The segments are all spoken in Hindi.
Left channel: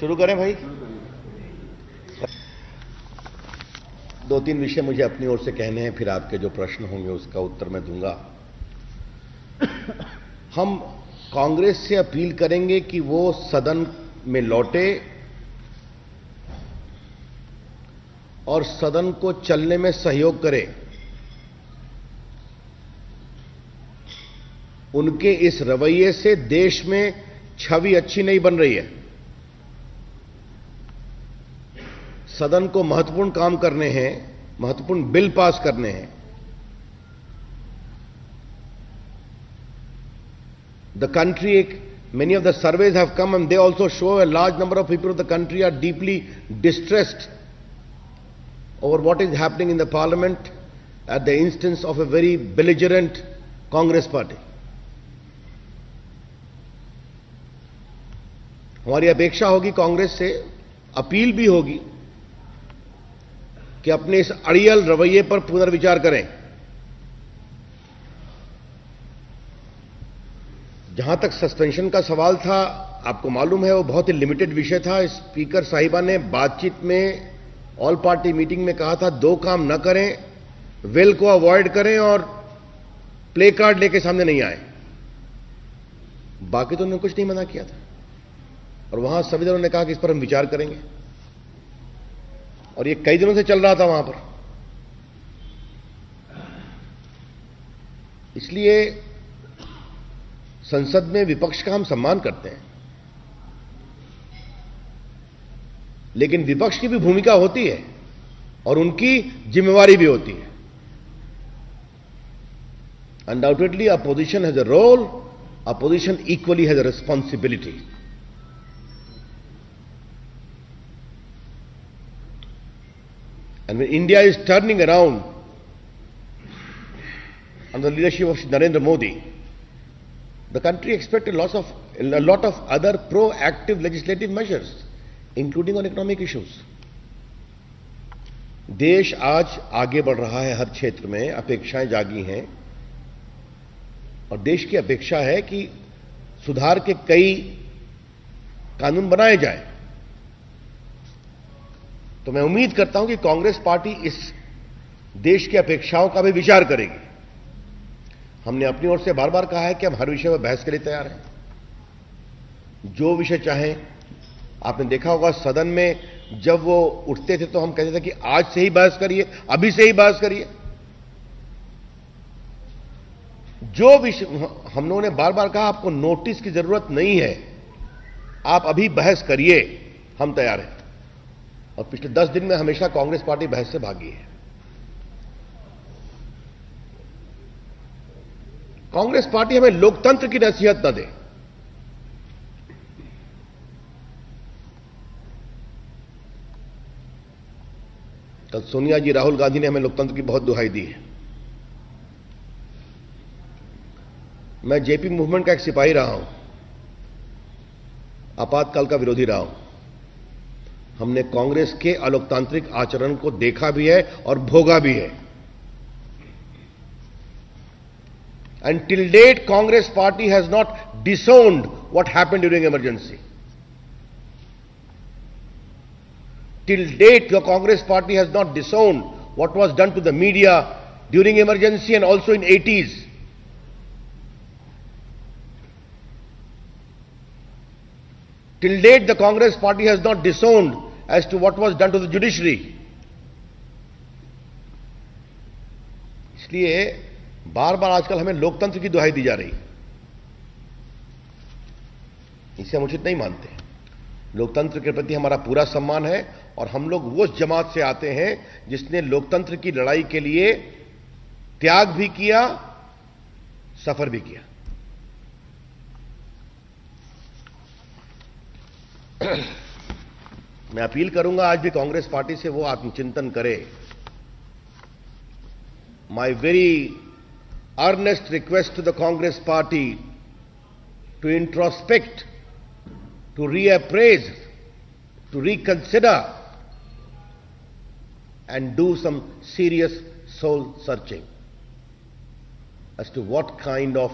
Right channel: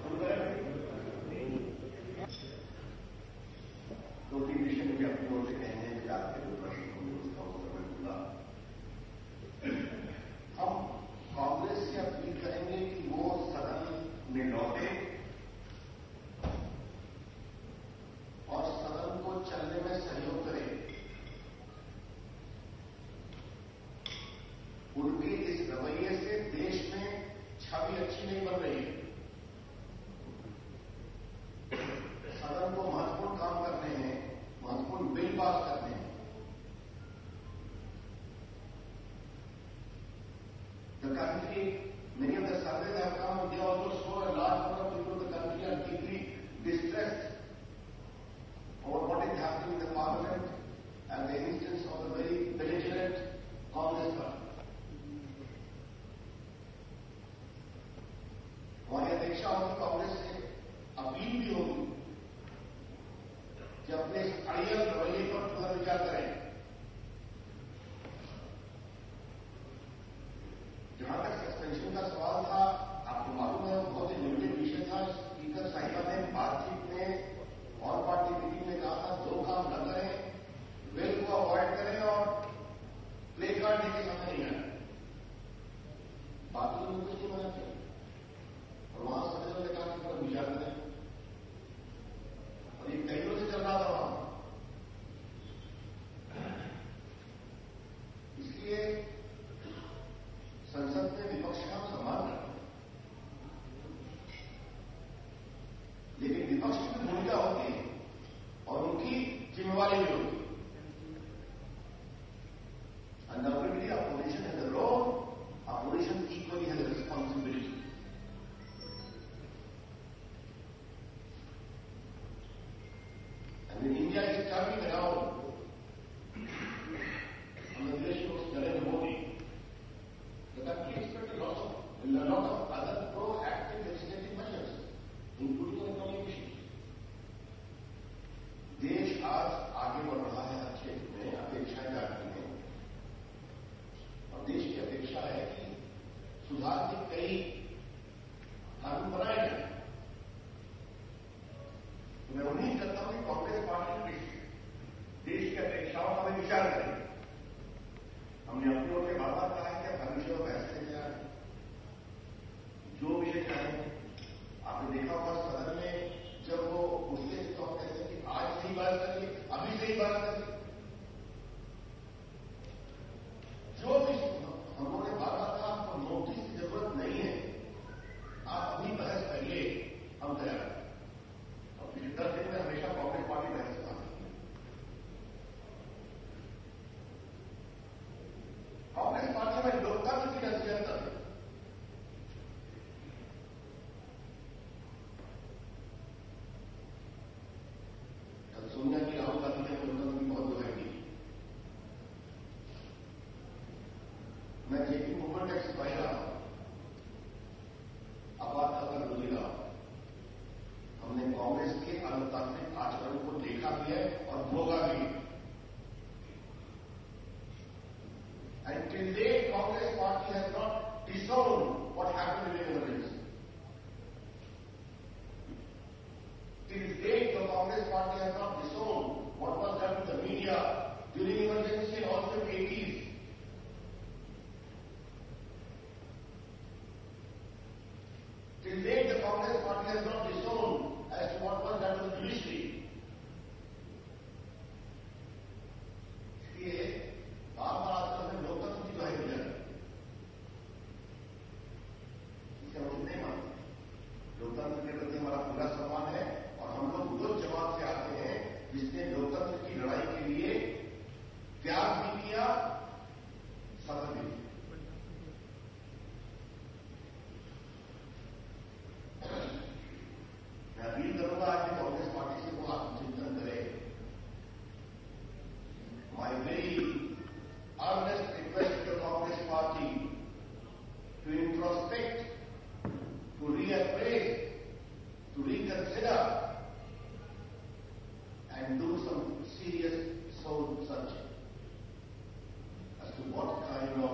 शुरू करें भाई। दो तीन विषय मुझे अपनी ओर से कहने हैं, फिर आपके जो प्रश्न होंगे उसका उत्तर मैं दूंगा। हम कांग्रेस से अपील करेंगे कि वो सदन में लौटे और सदन को चलने में सहयोग करे। उनके इस रवैये से देश में छवि अच्छी नहीं बन रही है। सदन को महत्वपूर्ण काम करने हैं, महत्वपूर्ण बिल पास करने हैं। The country, many of the surveys have come and they also show a large number of people of the country are deeply distressed over what is happening in the parliament at the instance of a very belligerent Congress party. हमारी अपेक्षा होगी, कांग्रेस से अपील भी होगी कि अपने इस अड़ियल रवैये पर पुनर्विचार करें। जहां तक सस्पेंशन का सवाल था, आपको मालूम है वो बहुत ही लिमिटेड विषय था। स्पीकर साहिबा ने बातचीत में, ऑल पार्टी मीटिंग में कहा था, दो काम न करें, वेल को अवॉइड करें और प्ले कार्ड लेके सामने नहीं आए। बाकी तो उन्होंने कुछ नहीं मना किया था और वहां सभी दलों ने कहा कि इस पर हम विचार करेंगे और ये कई दिनों से चल रहा था वहां पर। इसलिए संसद में विपक्ष का हम सम्मान करते हैं, लेकिन विपक्ष की भी भूमिका होती है और उनकी जिम्मेवारी भी होती है। Undoubtedly opposition has a role, opposition equally has a responsibility. And when India is turning around under the leadership of Narendra Modi, the country expects a lot of other proactive legislative measures, including on economic issues. देश आज आगे बढ़ रहा है, हर क्षेत्र में अपेक्षाएं जागी हैं और देश की अपेक्षा है कि सुधार के कई कानून बनाए जाएं। तो मैं उम्मीद करता हूं कि कांग्रेस पार्टी इस देश की अपेक्षाओं का भी विचार करेगी। हमने अपनी ओर से बार बार कहा है कि हम हर विषय पर बहस के लिए तैयार हैं, जो विषय चाहें। आपने देखा होगा सदन में जब वो उठते थे तो हम कहते थे कि आज से ही बहस करिए, अभी से ही बहस करिए। जो विषय हम लोगों ने बार बार कहा, आपको नोटिस की जरूरत नहीं है, आप अभी बहस करिए, हम तैयार हैं। और पिछले 10 दिन में हमेशा कांग्रेस पार्टी बहस से भागी है। कांग्रेस पार्टी हमें लोकतंत्र की नसीहत न दे। कल सोनिया जी, राहुल गांधी ने हमें लोकतंत्र की बहुत दुहाई दी है। मैं जेपी मूवमेंट का एक सिपाही रहा हूं, आपातकाल का विरोधी रहा हूं। हमने कांग्रेस के अलोकतांत्रिक आचरण को देखा भी है और भोगा भी है। And till date, Congress party has not disowned what happened during emergency. Till date, your Congress party has not disowned what was done to the media during emergency and also in 80s. Till date, the Congress party has not disowned as to what was done to the judiciary. इसलिए बार बार आजकल हमें लोकतंत्र की दुहाई दी जा रही, इसे हम उचित नहीं मानते। लोकतंत्र के प्रति हमारा पूरा सम्मान है और हम लोग वो जमात से आते हैं जिसने लोकतंत्र की लड़ाई के लिए त्याग भी किया, सफर भी किया। मैं अपील करूंगा आज भी कांग्रेस पार्टी से वो आत्मचिंतन करे। My very earnest request to the Congress party to introspect, to reappraise, to reconsider and do some serious soul searching as to what kind of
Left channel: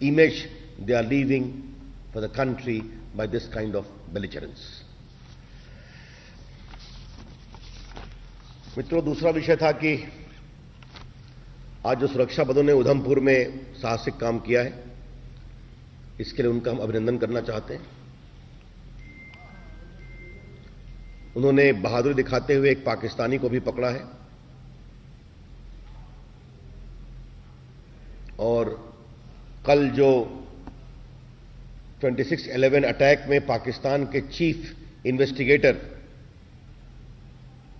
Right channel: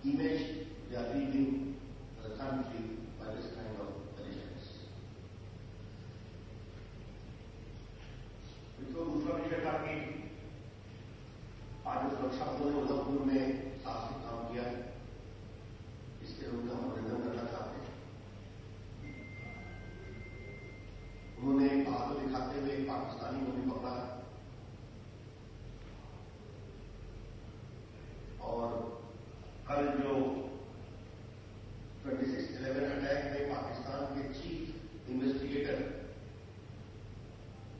image they are leaving for the country by this kind of belligerence. मित्रों, दूसरा विषय था कि आज जो सुरक्षा बलों ने उधमपुर में साहसिक काम किया है, इसके लिए उनका हम अभिनंदन करना चाहते हैं। उन्होंने बहादुरी दिखाते हुए एक पाकिस्तानी को भी पकड़ा है और कल जो 26/11 अटैक में पाकिस्तान के चीफ इन्वेस्टिगेटर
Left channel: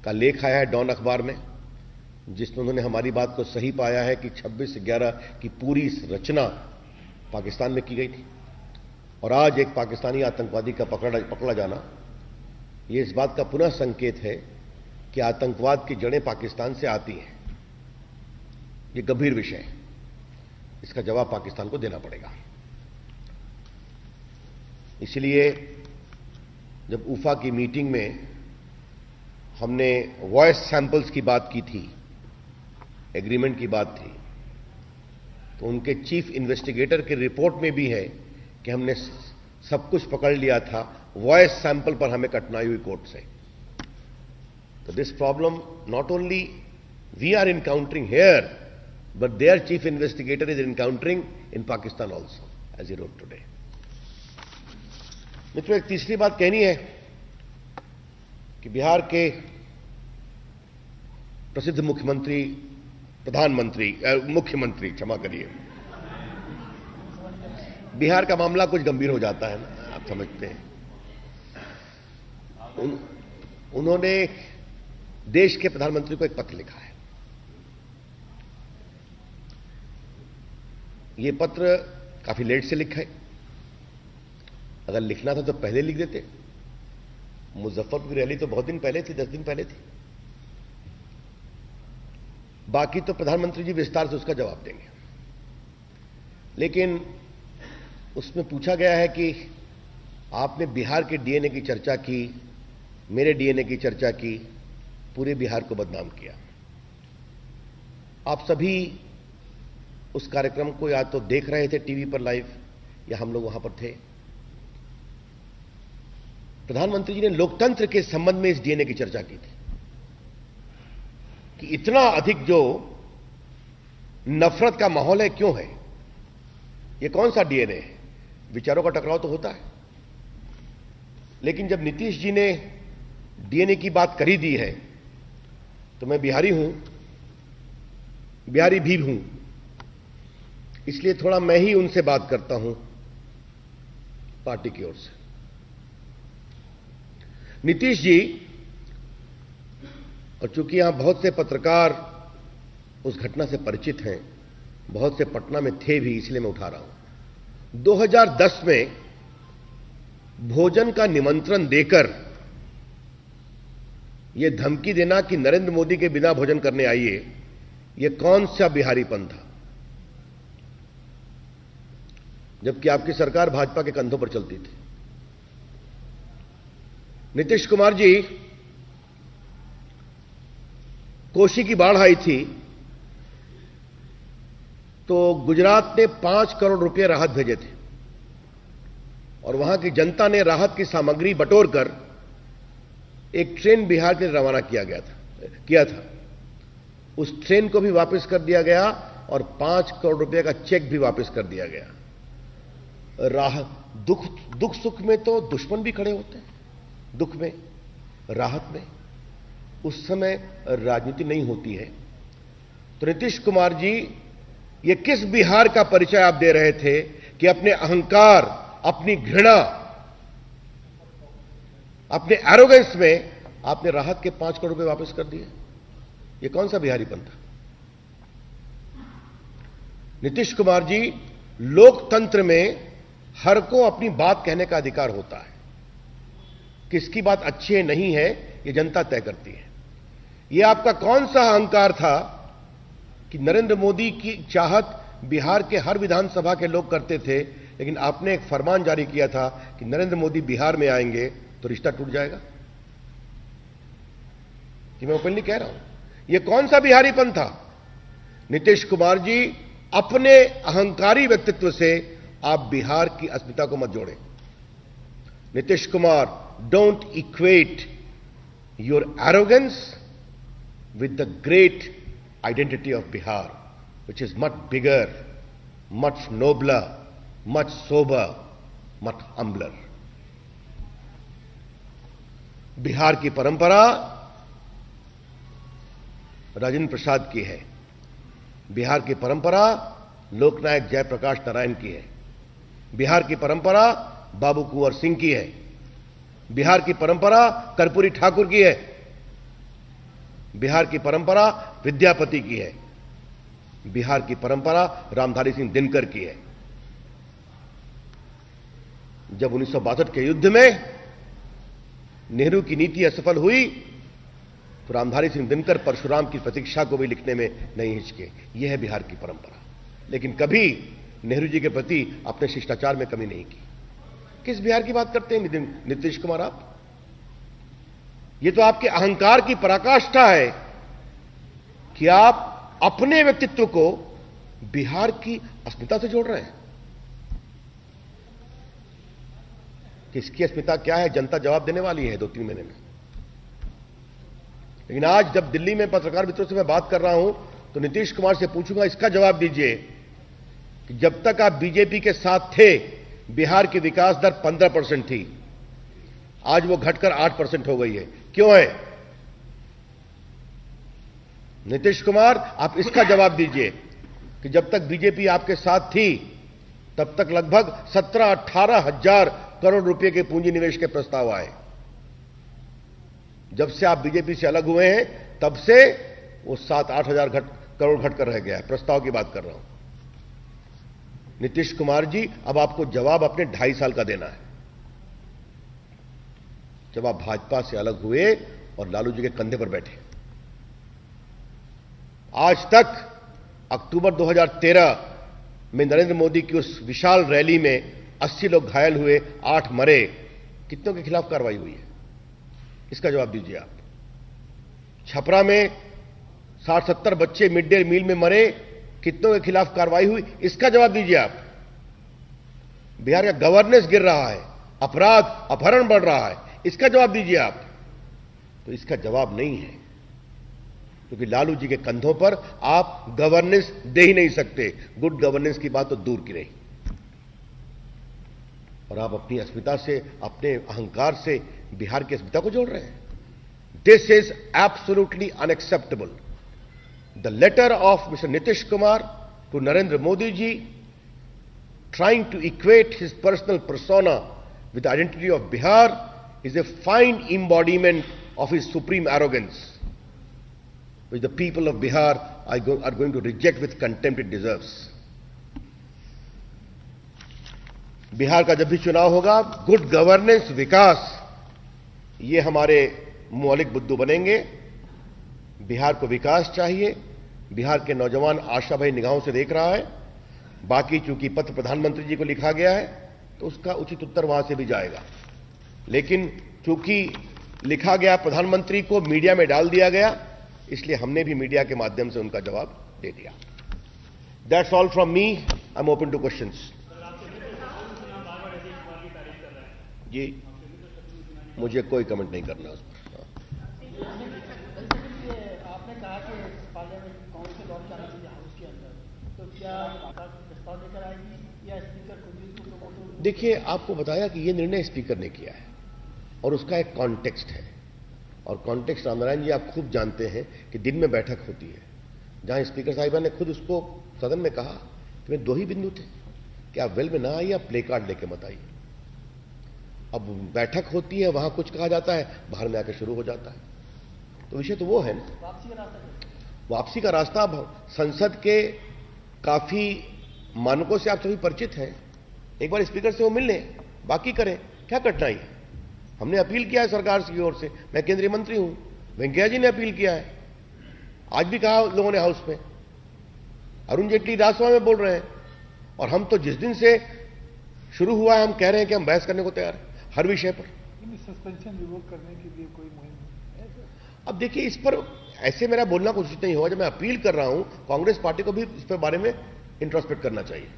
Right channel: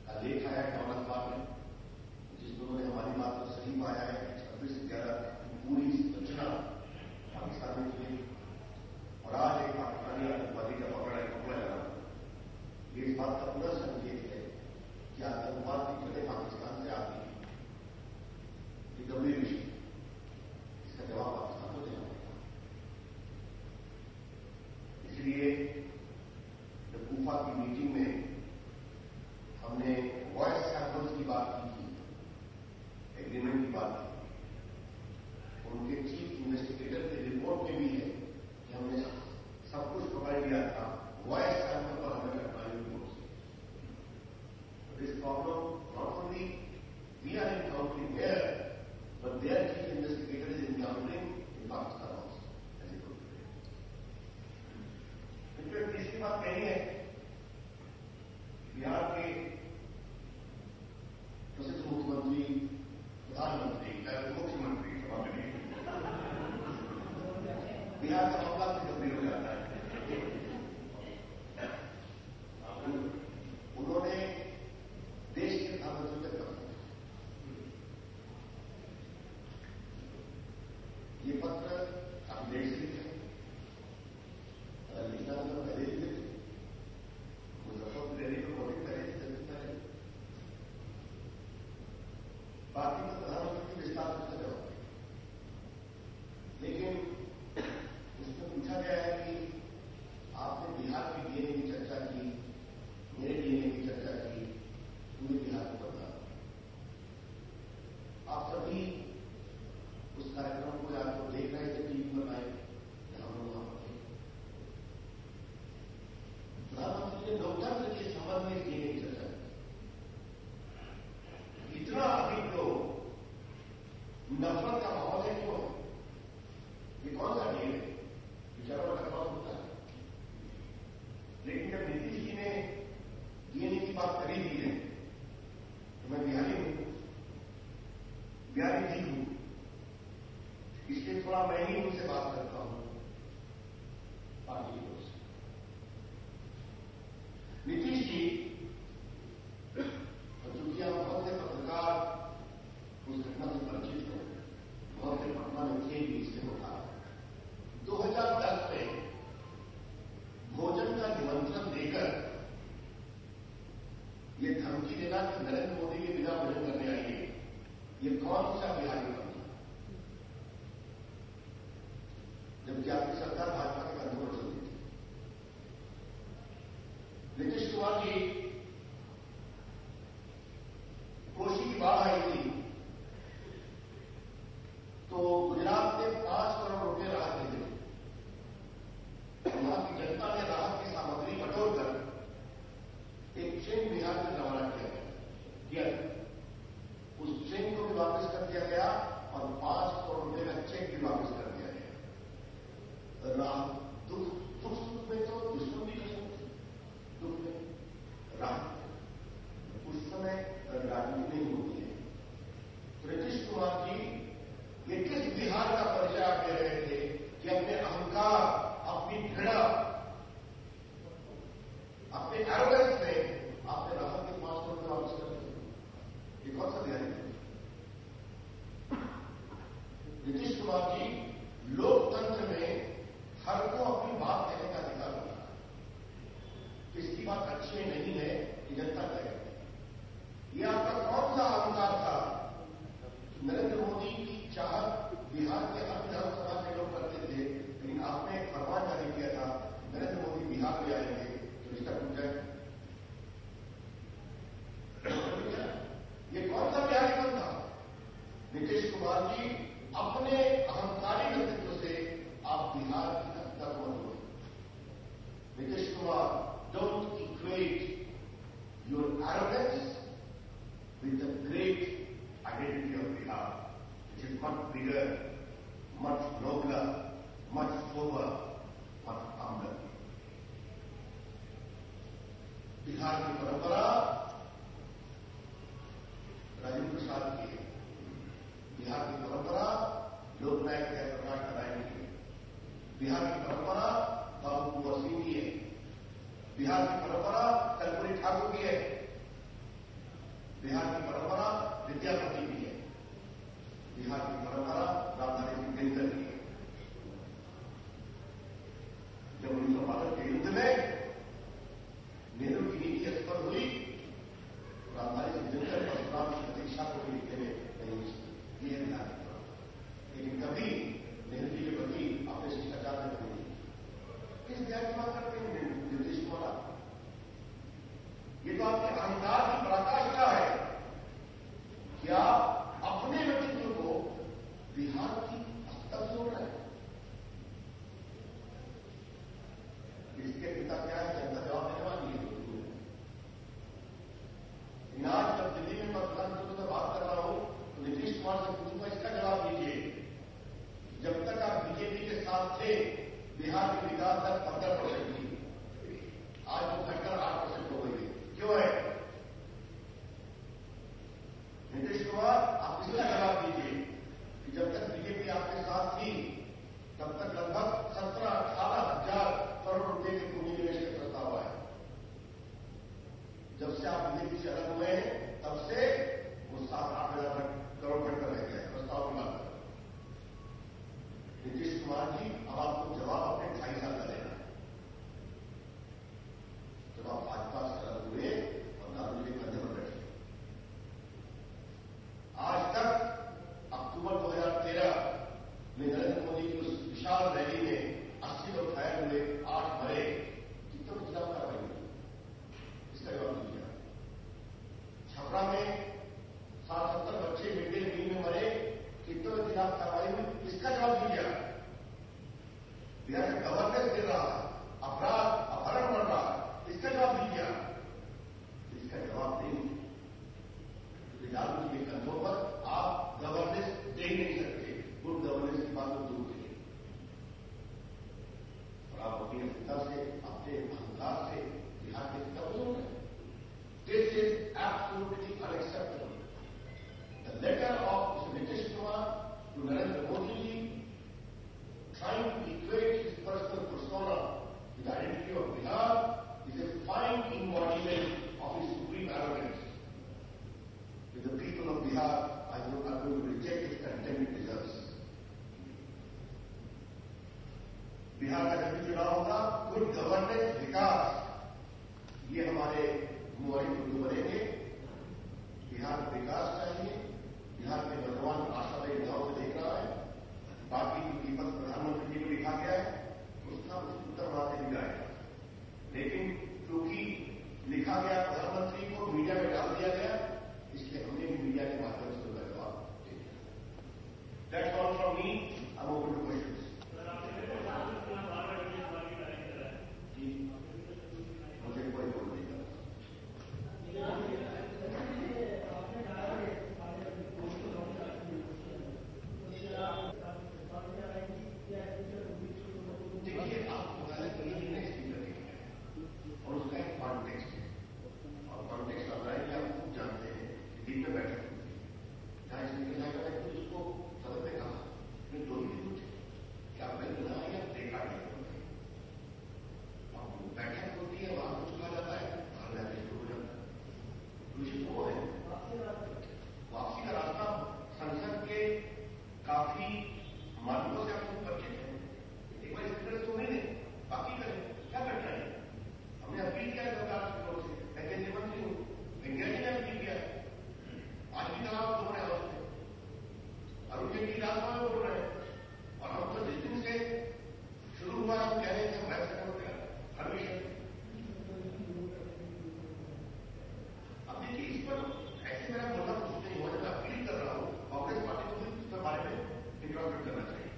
का लेख आया है डॉन अखबार में, जिसमें उन्होंने हमारी बात को सही पाया है कि 26/11 की पूरी रचना पाकिस्तान में की गई थी और आज एक पाकिस्तानी आतंकवादी का पकड़ा जाना ये इस बात का पुनः संकेत है कि आतंकवाद की जड़ें पाकिस्तान से आती हैं। ये गंभीर विषय है, इसका जवाब पाकिस्तान को देना पड़ेगा। इसलिए जब उफा की मीटिंग में हमने वॉइस सैंपल्स की बात की थी, एग्रीमेंट की बात थी, तो उनके चीफ इन्वेस्टिगेटर की रिपोर्ट में भी है कि हमने सब कुछ पकड़ लिया था, वॉइस सैंपल पर हमें कठिनाई हुई कोर्ट से। तो this problem not only we are encountering here, but their chief investigator is encountering in Pakistan also, as he wrote today. मित्रों, एक तीसरी बात कहनी है कि बिहार के प्रसिद्ध मुख्यमंत्री, क्षमा करिए, बिहार का मामला कुछ गंभीर हो जाता है, आप समझते हैं। उन्होंने देश के प्रधानमंत्री को एक पत्र लिखा है। यह पत्र काफी लेट से लिखा है, अगर लिखना था तो पहले लिख देते। मुजफ्फरपुर की रैली तो बहुत दिन पहले थी, 10 दिन पहले थी। बाकी तो प्रधानमंत्री जी विस्तार से उसका जवाब देंगे, लेकिन उसमें पूछा गया है कि आपने बिहार के डीएनए की चर्चा की, मेरे डीएनए की चर्चा की, पूरे बिहार को बदनाम किया। आप सभी उस कार्यक्रम को या तो देख रहे थे टीवी पर लाइव या हम लोग वहां पर थे। प्रधानमंत्री जी ने लोकतंत्र के संबंध में इस डीएनए की चर्चा की थी कि इतना अधिक जो नफरत का माहौल है क्यों है, ये कौन सा डीएनए है? विचारों का टकराव तो होता है, लेकिन जब नीतीश जी ने डीएनए की बात कर ही दी है तो मैं बिहारी हूं, बिहारी भी हूं, इसलिए थोड़ा मैं ही उनसे बात करता हूं पार्टी की ओर से। नीतीश जी, और चूंकि यहां बहुत से पत्रकार उस घटना से परिचित हैं, बहुत से पटना में थे भी, इसलिए मैं उठा रहा हूं। 2010 में भोजन का निमंत्रण देकर यह धमकी देना कि नरेंद्र मोदी के बिना भोजन करने आइए, यह कौन सा बिहारीपन था? जबकि आपकी सरकार भाजपा के कंधों पर चलती थी। नीतीश कुमार जी, कोसी की बाढ़ आई थी तो गुजरात ने 5 करोड़ रुपए राहत भेजे थे और वहां की जनता ने राहत की सामग्री बटोरकर एक ट्रेन बिहार के लिए रवाना किया था। उस ट्रेन को भी वापस कर दिया गया और 5 करोड़ रुपए का चेक भी वापस कर दिया गया। दुख सुख में तो दुश्मन भी खड़े होते हैं, दुख में, राहत में उस समय राजनीति नहीं होती है। तो नीतीश कुमार जी, ये किस बिहार का परिचय आप दे रहे थे कि अपने अहंकार, अपनी घृणा, अपने एरोगेंस में आपने राहत के 5 करोड़ रुपए वापस कर दिए? ये कौन सा बिहारीपन था? नीतीश कुमार जी, लोकतंत्र में हर को अपनी बात कहने का अधिकार होता है। किसकी बात अच्छी है नहीं है, ये जनता तय करती है। ये आपका कौन सा अहंकार था कि नरेंद्र मोदी की चाहत बिहार के हर विधानसभा के लोग करते थे, लेकिन आपने एक फरमान जारी किया था कि नरेंद्र मोदी बिहार में आएंगे तो रिश्ता टूट जाएगा? कि मैं ओपनली कह रहा हूं, यह कौन सा बिहारीपन था? नीतीश कुमार जी, अपने अहंकारी व्यक्तित्व से आप बिहार की अस्मिता को मत जोड़ें। Nitish Kumar, don't equate your arrogance with the great identity of Bihar, which is much bigger, much nobler, much sober, much humbler. Bihar की परंपरा राजेंद्र प्रसाद की है। बिहार की परंपरा लोकनायक जयप्रकाश नारायण की है। बिहार की परंपरा बाबू कुंवर सिंह की है। बिहार की परंपरा कर्पूरी ठाकुर की है। बिहार की परंपरा विद्यापति की है। बिहार की परंपरा रामधारी सिंह दिनकर की है। जब 1962 के युद्ध में नेहरू की नीति असफल हुई तो रामधारी सिंह दिनकर परशुराम की प्रतीक्षा को भी लिखने में नहीं हिचके। यह है बिहार की परंपरा। लेकिन कभी नेहरू जी के प्रति अपने शिष्टाचार में कमी नहीं की। किस बिहार की बात करते हैं नीतीश कुमार आप? यह तो आपके अहंकार की पराकाष्ठा है कि आप अपने व्यक्तित्व को बिहार की अस्मिता से जोड़ रहे हैं। किसकी अस्मिता क्या है, जनता जवाब देने वाली है 2-3 महीने में। लेकिन आज जब दिल्ली में पत्रकार मित्रों से मैं बात कर रहा हूं तो नीतीश कुमार से पूछूंगा, इसका जवाब दीजिए कि जब तक आप बीजेपी के साथ थे बिहार की विकास दर 15% थी, आज वो घटकर 8% हो गई है। क्यों है? नीतीश कुमार, आप इसका जवाब दीजिए कि जब तक बीजेपी आपके साथ थी तब तक लगभग 17-18 हजार करोड़ रुपए के पूंजी निवेश के प्रस्ताव आए। जब से आप बीजेपी से अलग हुए हैं तब से वो 7-8 हजार करोड़ घटकर रह गया है। प्रस्ताव की बात कर रहा हूं। नीतीश कुमार जी, अब आपको जवाब अपने 2.5 साल का देना है। जब आप भाजपा से अलग हुए और लालू जी के कंधे पर बैठे। आज तक अक्टूबर 2013 में नरेंद्र मोदी की उस विशाल रैली में 80 लोग घायल हुए, 8 मरे। कितनों के खिलाफ कार्रवाई हुई है? इसका जवाब दीजिए आप। छपरा में 60-70 बच्चे मिड डे मील में मरे, कितनों के खिलाफ कार्रवाई हुई? इसका जवाब दीजिए आप। बिहार का गवर्नेंस गिर रहा है, अपराध अपहरण बढ़ रहा है, इसका जवाब दीजिए आप। तो इसका जवाब नहीं है, क्योंकि लालू जी के कंधों पर आप गवर्नेंस दे ही नहीं सकते। गुड गवर्नेंस की बात तो दूर की रही। और आप अपनी अस्मिता से, अपने अहंकार से बिहार की अस्मिता को जोड़ रहे हैं। This is absolutely unacceptable. The letter of mister Nitish Kumar to Narendra Modi ji, trying to equate his personal persona with the identity of Bihar, is a fine embodiment of his supreme arrogance, which the people of Bihar are going to reject with contempt it deserves. Bihar का जब भी चुनाव होगा, गुड गवर्नेंस, विकास, ये हमारे मौलिक मुद्दे बनेंगे। बिहार को विकास चाहिए। बिहार के नौजवान आशा भरी निगाहों से देख रहा है। बाकी चूंकि पत्र प्रधानमंत्री जी को लिखा गया है तो उसका उचित उत्तर वहां से भी जाएगा। लेकिन चूंकि लिखा गया प्रधानमंत्री को, मीडिया में डाल दिया गया, इसलिए हमने भी मीडिया के माध्यम से उनका जवाब दे दिया। That's all from me. I am open to questions. जी, मुझे कोई कमेंट नहीं करना उस पर। देखिए, आपको बताया कि यह निर्णय स्पीकर ने किया है और उसका एक कॉन्टेक्स्ट है। और कॉन्टेक्स्ट रामनारायण जी आप खूब जानते हैं कि दिन में बैठक होती है, जहां स्पीकर साहिबा ने खुद उसको सदन में कहा कि वे 2 ही बिंदु थे कि आप वेल में ना आइए, आप प्ले कार्ड लेके मत आइए। अब बैठक होती है, वहां कुछ कहा जाता है, बाहर में आकर शुरू हो जाता है। तो विषय तो वो है ना, वापसी का रास्ता। संसद के काफी मानकों से आप सभी परिचित हैं। एक बार स्पीकर से वो मिल लें, बाकी करें, क्या कठिनाई है? हमने अपील किया है सरकार की ओर से। मैं केंद्रीय मंत्री हूं, वेंकैया जी ने अपील किया है, आज भी कहा लोगों ने हाउस में, अरुण जेटली राज्यसभा में बोल रहे हैं। और हम तो जिस दिन से शुरू हुआ है हम कह रहे हैं कि हम बहस करने को तैयार हैं हर विषय पर। सस्पेंशन रिवोक करने के लिए कोई मुहिम? अब देखिए, इस पर ऐसे मेरा बोलना कुछ नहीं होगा। जब मैं अपील कर रहा हूं, कांग्रेस पार्टी को भी इस पर बारे में इंट्रोस्पेक्ट करना चाहिए।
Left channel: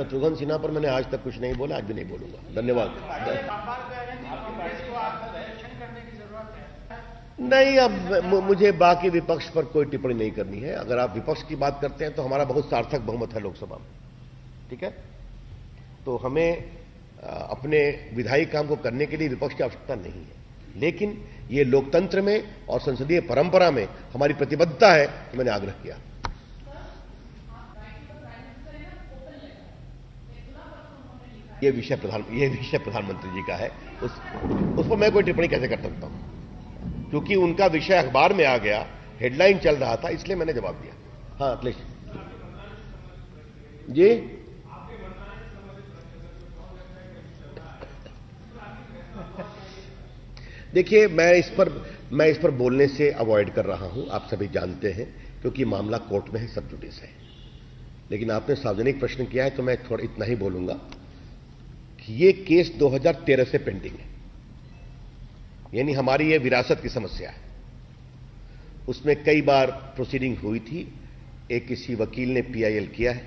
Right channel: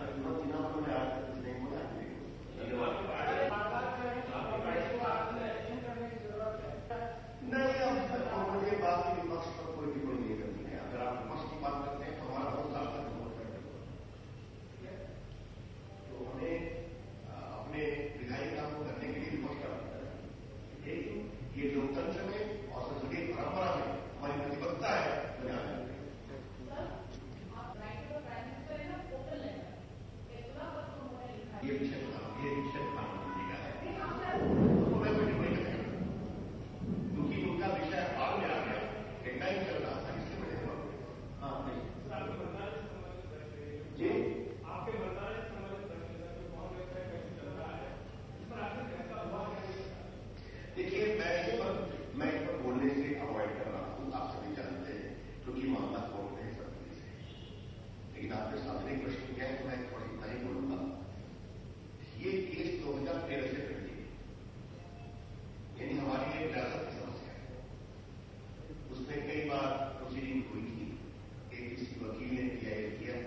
शत्रुघ्न सिन्हा पर मैंने आज तक कुछ नहीं बोला, आज भी नहीं बोलूंगा। धन्यवाद। नहीं, अब मुझे बाकी विपक्ष पर कोई टिप्पणी नहीं करनी है। अगर आप विपक्ष की बात करते हैं तो हमारा बहुत सार्थक बहुमत है लोकसभा में, ठीक है? तो हमें अपने विधायी काम को करने के लिए विपक्ष की आवश्यकता नहीं है, लेकिन ये लोकतंत्र में और संसदीय परंपरा में हमारी प्रतिबद्धता है कि मैंने आग्रह किया। ये विषय प्रधानमंत्री जी का है, उस पर मैं कोई टिप्पणी कैसे कर सकता हूं? क्योंकि उनका विषय अखबार में आ गया, हेडलाइन चल रहा था, इसलिए मैंने जवाब दिया। हाँ अखिलेश जी, देखिए मैं इस पर बोलने से अवॉइड कर रहा हूं, आप सभी जानते हैं, क्योंकि मामला कोर्ट में है, सब जुडिस है। लेकिन आपने सार्वजनिक प्रश्न किया है तो मैं थोड़ा इतना ही बोलूंगा कि ये केस 2013 से पेंडिंग है, यानी हमारी ये विरासत की समस्या है। उसमें कई बार प्रोसीडिंग हुई थी, एक किसी वकील ने पीआईएल किया है।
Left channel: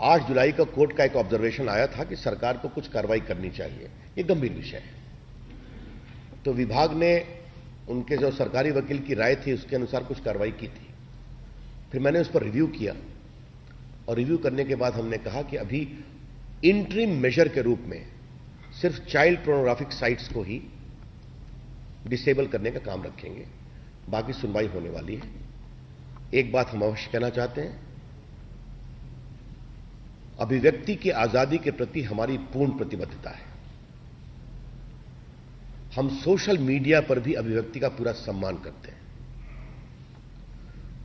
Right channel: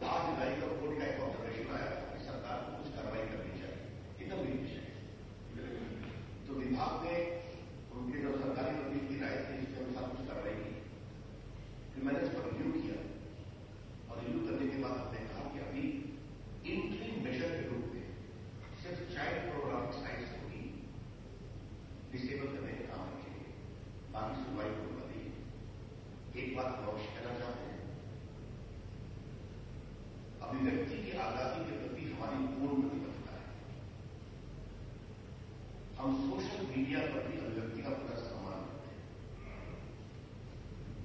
8 जुलाई का कोर्ट का एक ऑब्जर्वेशन आया था कि सरकार को कुछ कार्रवाई करनी चाहिए, ये गंभीर विषय है। तो विभाग ने उनके जो सरकारी वकील की राय थी उसके अनुसार कुछ कार्रवाई की थी। फिर मैंने उस पर रिव्यू किया और रिव्यू करने के बाद हमने कहा कि अभी इंटरिम मेजर के रूप में सिर्फ चाइल्ड पोर्नोग्राफिक साइट्स को ही डिसेबल करने का काम रखेंगे, बाकी सुनवाई होने वाली है। एक बात हम अवश्य कहना चाहते हैं, अभिव्यक्ति की आजादी के प्रति हमारी पूर्ण प्रतिबद्धता है। हम सोशल मीडिया पर भी अभिव्यक्ति का पूरा सम्मान करते हैं।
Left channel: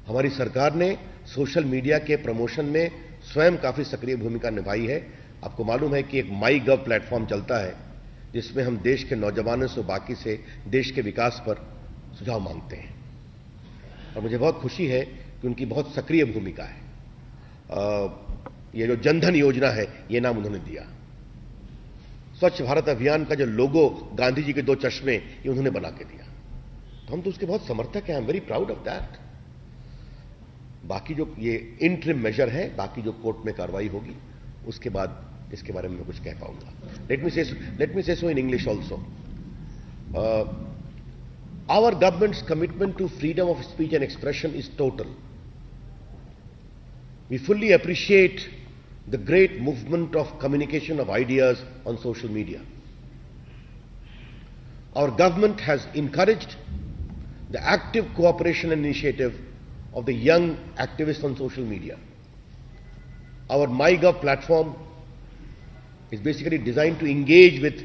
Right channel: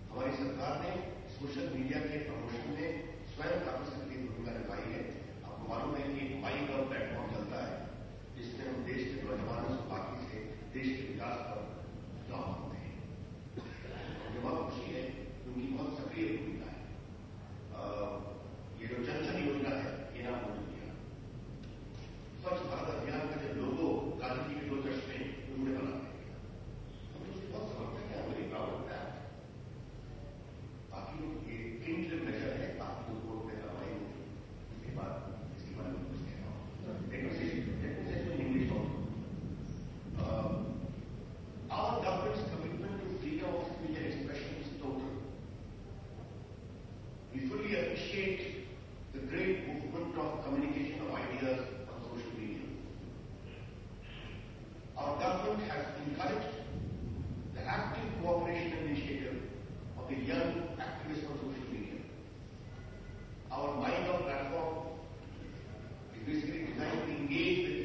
हमारी सरकार ने सोशल मीडिया के प्रमोशन में स्वयं काफी सक्रिय भूमिका निभाई है। आपको मालूम है कि एक माई गव प्लेटफॉर्म चलता है जिसमें हम देश के नौजवानों से, बाकी से देश के विकास पर सुझाव मांगते हैं, और मुझे बहुत खुशी है कि उनकी बहुत सक्रिय भूमिका है। ये जो जनधन योजना है, ये नाम उन्होंने दिया। स्वच्छ भारत अभियान का जो लोगो, गांधी जी के 2 चश्मे, ये उन्होंने बना के दिया। तो हम तो उसके बहुत समर्थक हैं, I am very proud of that. बाकी जो ये इंटरिम मेजर है, बाकी जो कोर्ट में कार्रवाई होगी उसके बाद इसके बारे में मैं कुछ कह पाऊंगा। Let me say so in English also. Our government's commitment to freedom of speech and expression is total. We fully appreciate the great movement of communication of ideas on social media. Our government has encouraged the active cooperation and initiative of the young activists on social media. Our MyGov platform is basically designed to engage with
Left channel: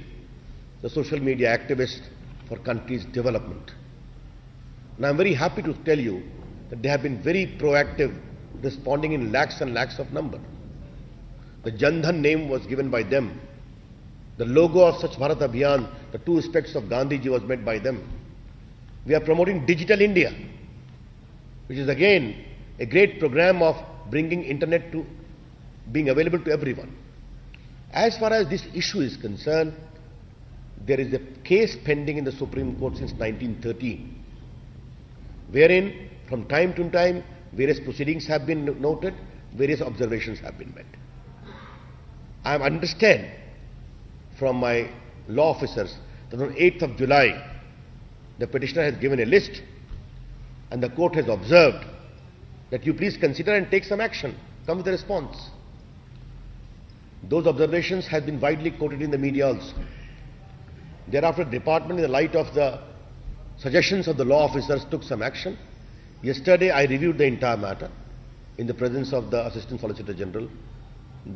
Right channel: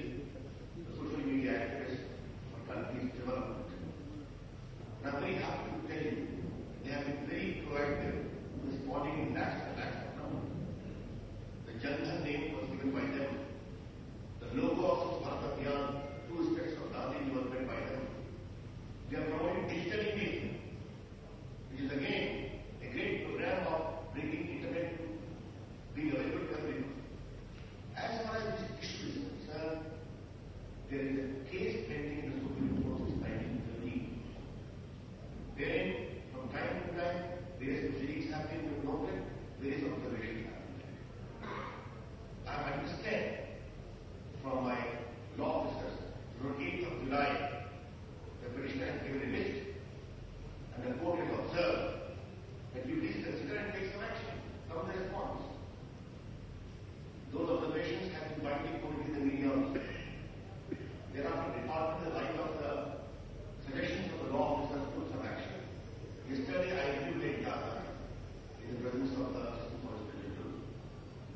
the social media activists for country's development. And I'm very happy to tell you that they have been very proactive, responding in lakhs and lakhs of number. The Jandhan name was given by them. The logo of Swachh Bharat Abhiyan, the 2 aspects of Gandhiji was made by them. We are promoting Digital India, which is again a great program of bringing internet to being available to everyone. As far as this issue is concerned, there is a case pending in the Supreme Court since 1913, wherein from time to time various proceedings have been noted, various observations have been made. I understand from my law officers that on 8th of July, the petitioner has given a list and the court has observed that you please consider and take some action, come with a response. Those observations have been widely quoted in the media also. Thereafter, the department, in the light of the suggestions of the law officers, took some action. Yesterday, I reviewed the entire matter in the presence of the Assistant Solicitor General,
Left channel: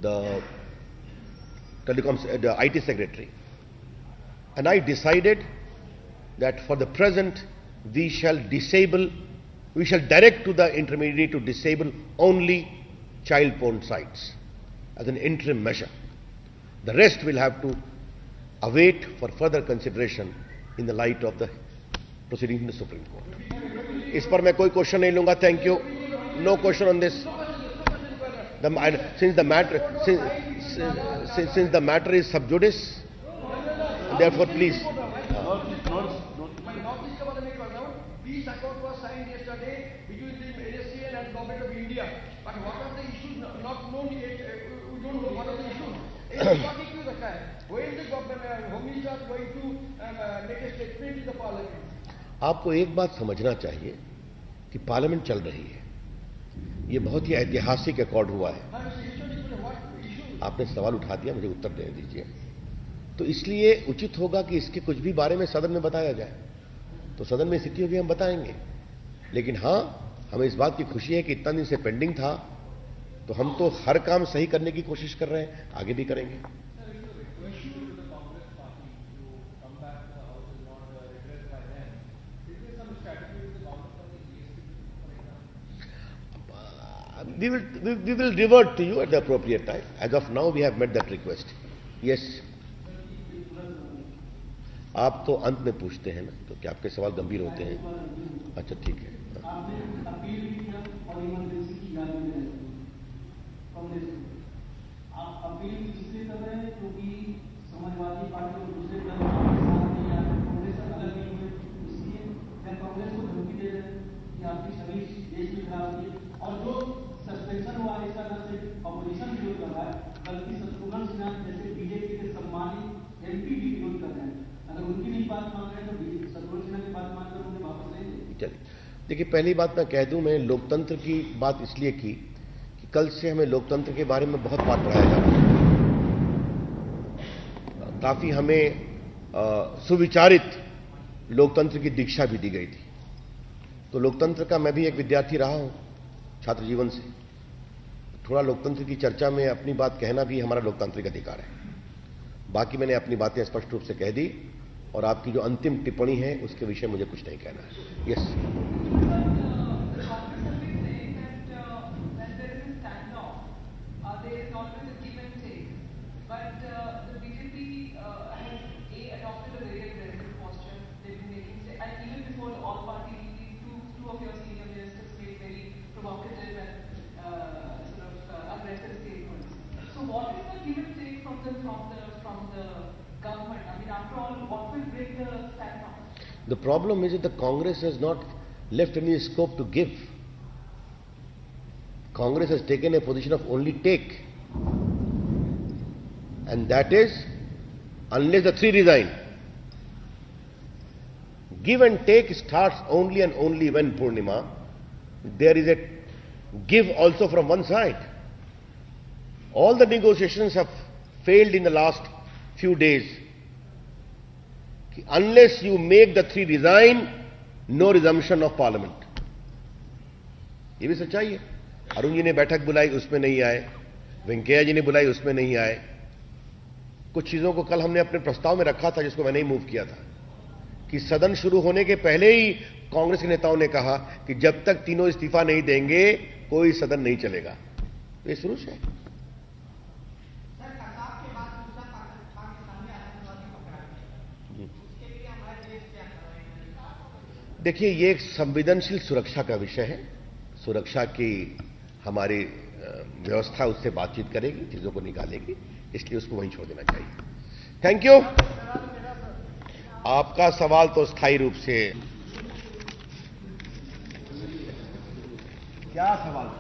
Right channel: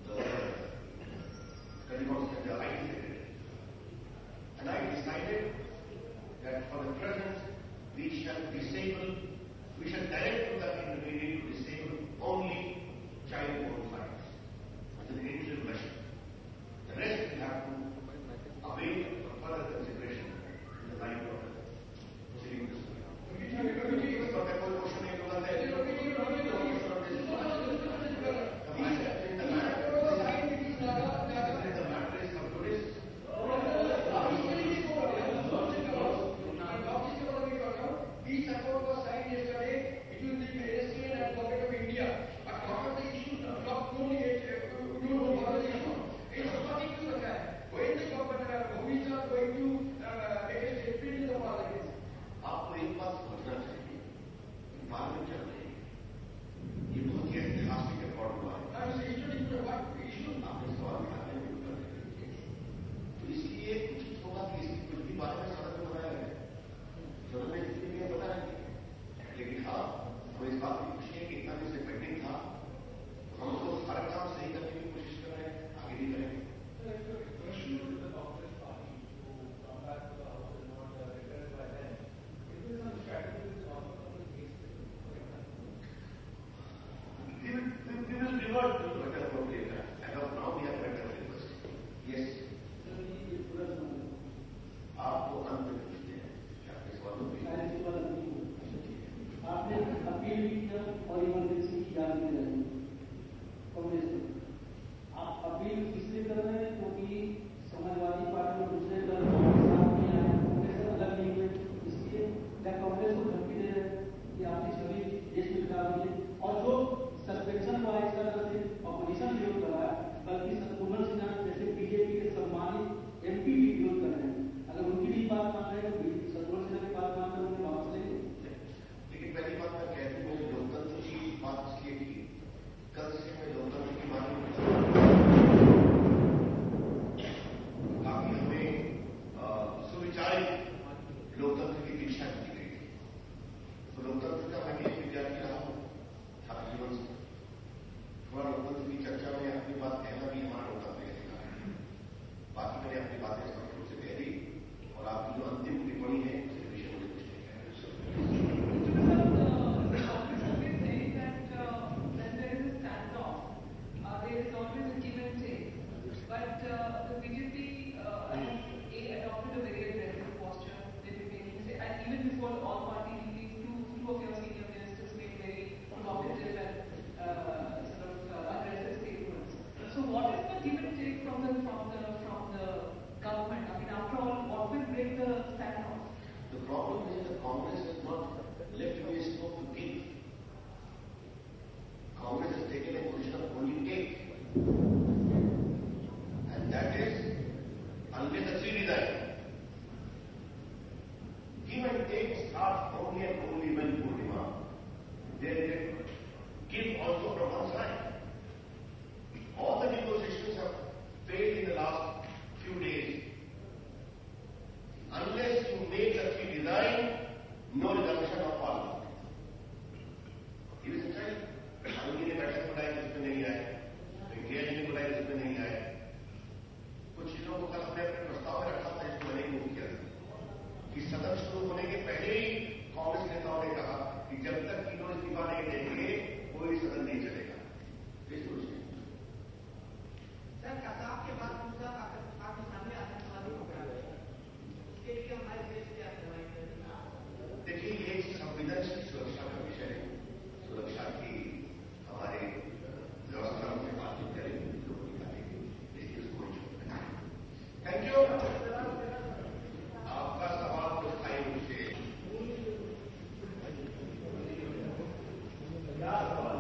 the IT Secretary, and I decided that for the present we shall direct to the intermediary to disable only child porn sites as an interim measure. The rest will have to await for further consideration in the light of the proceedings in the Supreme Court. इस पर मैं कोई क्वेश्चन नहीं लूंगा. Thank you. No question on this. Since the matter is sub judice, therefore please. what issues occur? Why is the government, who is not going to make a statement in the parliament? आपको एक बात समझना चाहिए कि पार्लियामेंट चल रही है, ये बहुत ही ऐतिहासिक रिकॉर्ड हुआ है। आपने सवाल उठा दिया, मुझे उत्तर दे दीजिए। तो इसलिए उचित होगा कि इसके कुछ भी बारे में सदन में बताया जाए, तो सदन में स्थिति होगी हम बताएंगे। लेकिन हां, हमें इस बात की खुशी है कि इतना दिन से पेंडिंग था, तो हम तो हर काम सही करने की कोशिश कर रहे हैं, आगे भी करेंगे। We will revert to you at the appropriate time. As of now, we have met that request. Yes. आप तो अंत में पूछते हैं ना, तो क्या आपके सवाल गंभीर होते हैं? अच्छा, ठीक है। आपने अपील भी किया और इमरजेंसी की याद भी रही कांग्रेस को। आप अपील इसलिए कर रहे हैं क्योंकि समाजवादी पार्टी और दूसरे दल कांग्रेस से अलग नहीं हुए, इसलिए कांग्रेस को धमकी दे रहे हैं कि आपकी सभी देश में खराब होगी। और जो सस्पेंशन हुआ है, इसका दल से अपोजिशन विरोध कर रहा है, बल्कि शत्रुघ्न सिन्हा जैसे बीजेपी के सम्मानित एमपी भी विरोध कर रहे हैं। अगर उनकी भी बात मान रहे हैं तो शत्रुघ्न सिन्हा की बात मानकर उन्हें वापस लेंगे। चलिए, देखिए, पहली बात मैं कह दूं, मैं लोकतंत्र की बात इसलिए की कि कल से हमें लोकतंत्र के बारे में बहुत बात पढ़ाया जा रहा है। काफी हमें सुविचारित लोकतंत्र की दीक्षा भी दी गई थी। तो लोकतंत्र का मैं भी एक विद्यार्थी रहा हूं छात्र जीवन से। थोड़ा लोकतंत्र की चर्चा में अपनी बात कहना भी हमारा लोकतांत्रिक अधिकार है। बाकी मैंने अपनी बातें स्पष्ट रूप से कह दी, और आपकी जो अंतिम टिप्पणी है उसके विषय मुझे कुछ नहीं कहना है। Yes. The problem is that the Congress has not left any scope to give. Congress has taken a position of only take. And that is, unless the three resign. Give and take starts only and only when, Purnima, there is a give also from one side. All the negotiations have failed in the last few days. Unless you make the three resign, no resumption of parliament. ये भी सच्चाई है। अरुण जी ने बैठक बुलाई, उसमें नहीं आए। वेंकैया जी ने बुलाई, उसमें नहीं आए। कुछ चीजों को कल हमने अपने प्रस्ताव में रखा था, जिसको मैंने ही मूव किया था, कि सदन शुरू होने के पहले ही कांग्रेस के नेताओं ने कहा कि जब तक तीनों इस्तीफा नहीं देंगे कोई सदन नहीं चलेगा। ये शुरू से है। देखिए, ये एक संवेदनशील सुरक्षा का विषय है। सुरक्षा की हमारी व्यवस्था उससे बातचीत करेगी, चीजों को निकालेगी, इसलिए उसको वहीं छोड़ देना चाहिए। Thank you. आपका सवाल तो स्थायी रूप से क्या सवाल?